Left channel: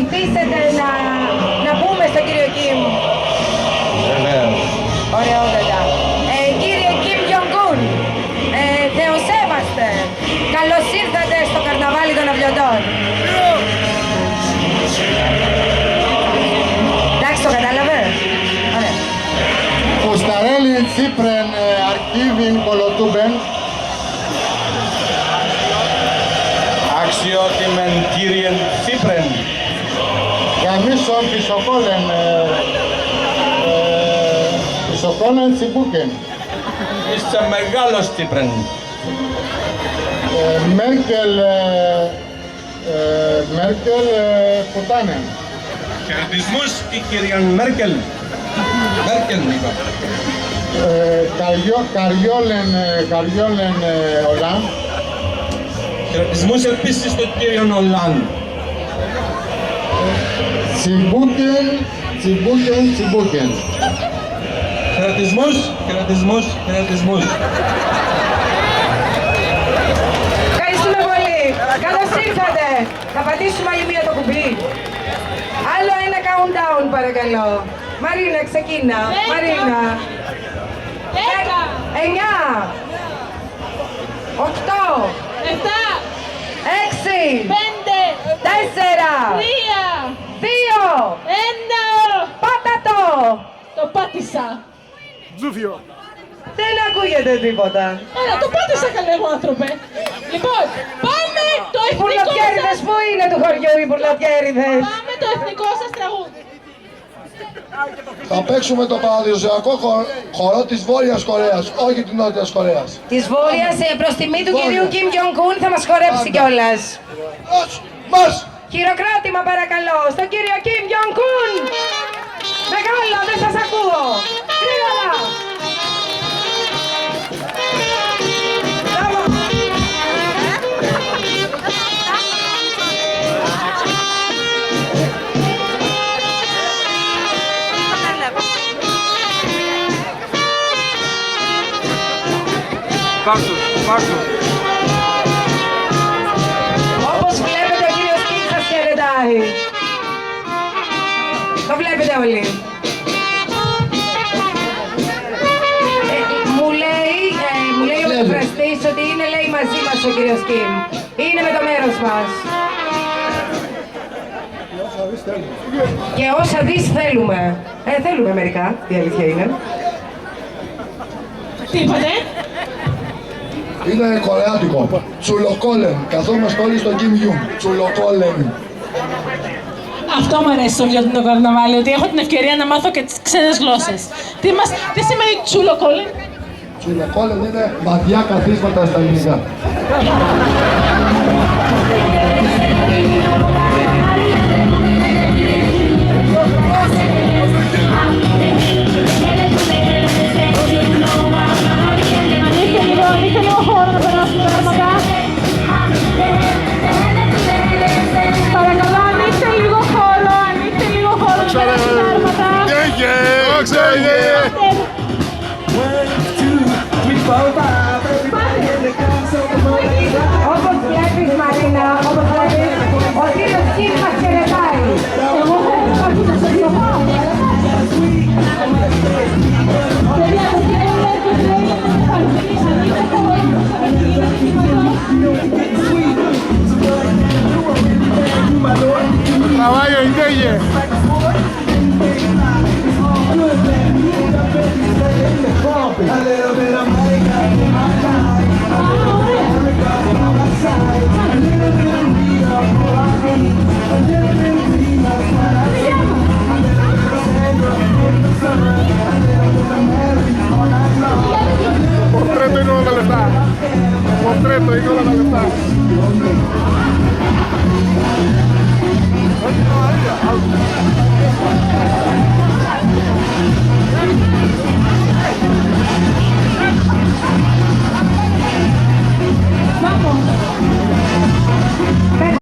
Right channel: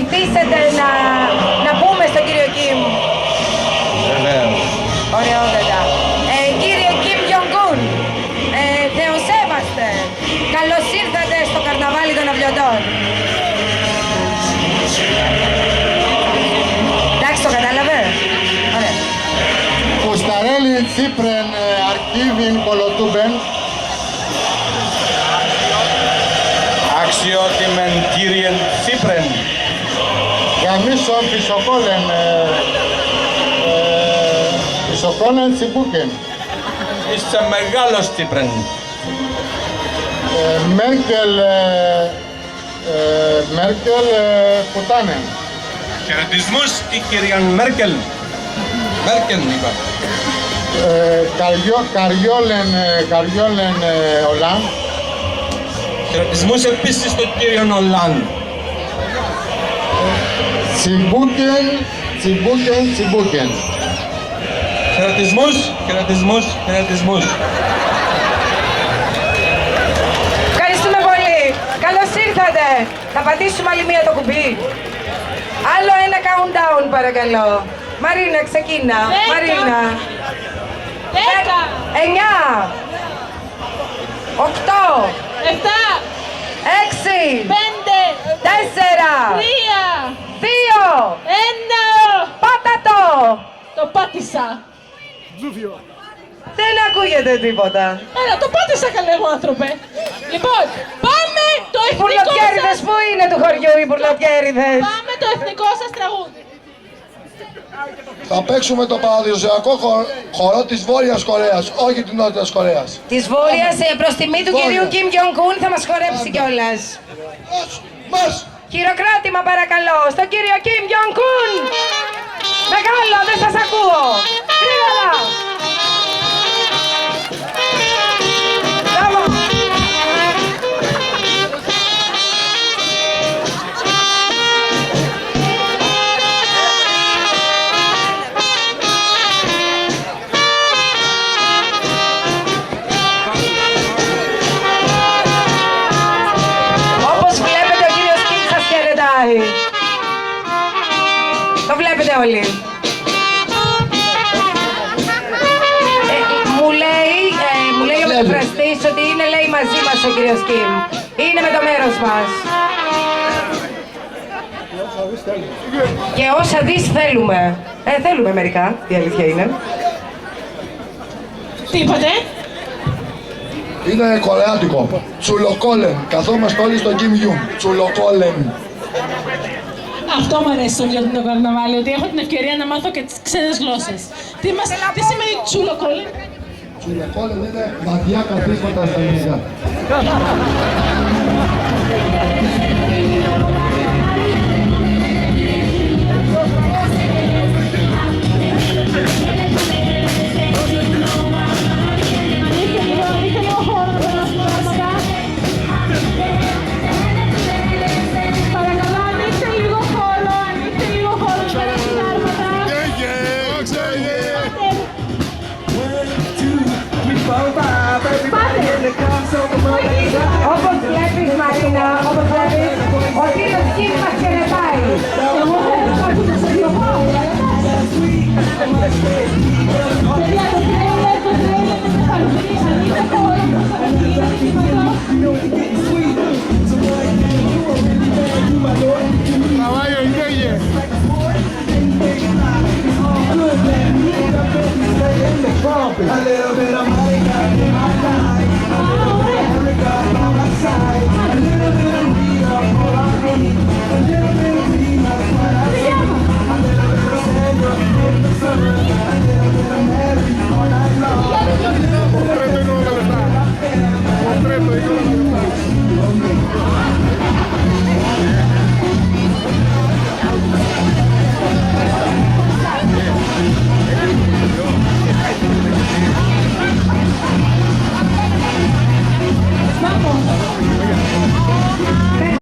βοηθήσετε να πούμε στον κύριο Κιμ. Βεβαίως. Ωραιότατα. Κύριε Κιμ Γιονγκούν, θεοσέβαστε. Καλώς ήρθατε στο καρναβάλι των Αυλωτών. Εντάξει, το κατάλαβε. Ωραία. Ουσταρέλη Τσίπρεν Αρκίβιν Κολοτούμπεν. Αξιότιμεν κύριε Τσίπρεν. Γαμίσον Πισοκόλεν Τσιμπούκεν. Είστε μεγάλος Τσίπρεν. Μέρκελ Πουτάνεν. Χαιρετισμούς η κυρία Μέρκελ. Μέρκελ είπα. Καριόλεν Ολάν. Χαιρετισμούς επίσης στον κύριο Ολάν. Τσιμπούκεν. Χαιρετισμούς. Ευχαριστούμε πολύ. Καλώς ήρθατε. Θα πατήσουμε άλλη μία το κουμπί. Άλλο ένα countdown παρακαλώ. Μαρίνα, ξεκίνα. Μαρίνα. 9, 8, 7, 6, 5, 4, 3, 2, 1. πάτα το. Το πάτησα. Δεν ακούγεται τίποτα. Έλα, το πάτησα καλέ μου άνθρωπε. Λοιπόν, πάμε το Οι εθνικό πουρλοτιέριδες σας... πού είναι του χωριού οι πουρλοτιέριδες? Πάμε το εθνικό σας τραγούδι. Θα παίξουμε το παραδοσιακό χορό της Βόρειας Κορέας, όχι της Νότιας Κορέας. Της Βόρειας προς τιμή του κυρίου Κιμ Γιονγκούν θα μας χορέψει κιόλας. Μας! Χειροκρότημα παρακαλώ στον κύριο Κιμ Γιονγκούν. Μεγάλο, δεν σας ακούω. Γρήγορα. Μπράβο. Όπως βλέπετε ο κύριος Κιμ σας χαιρετάει. Το βλέπετε όλοι. Μου λέει ο μεταφραστής ότι είναι λέει μαζί μας ο κύριος Κιμ. Είναι με το μέρος μας. Και όσα δεις θέλουμε. Θέλουμε μερικά, η αλήθεια είναι. Τι είπατε? Είναι κορεάτικο. Τσουλοκόλεν. Καθόμαστε όλοι στο Kim Jong. Τσουλοκόλεν. Αυτό μου αρέσει στο βιβλίο του καρναβάλι, ότι έχω την ευκαιρία να μάθω και τις ξένες γλώσσες. Τι σημαίνει τσουλοκόλεν? Τσουλοκόλεν είναι μαδιά καθίσματα στα ελληνικά.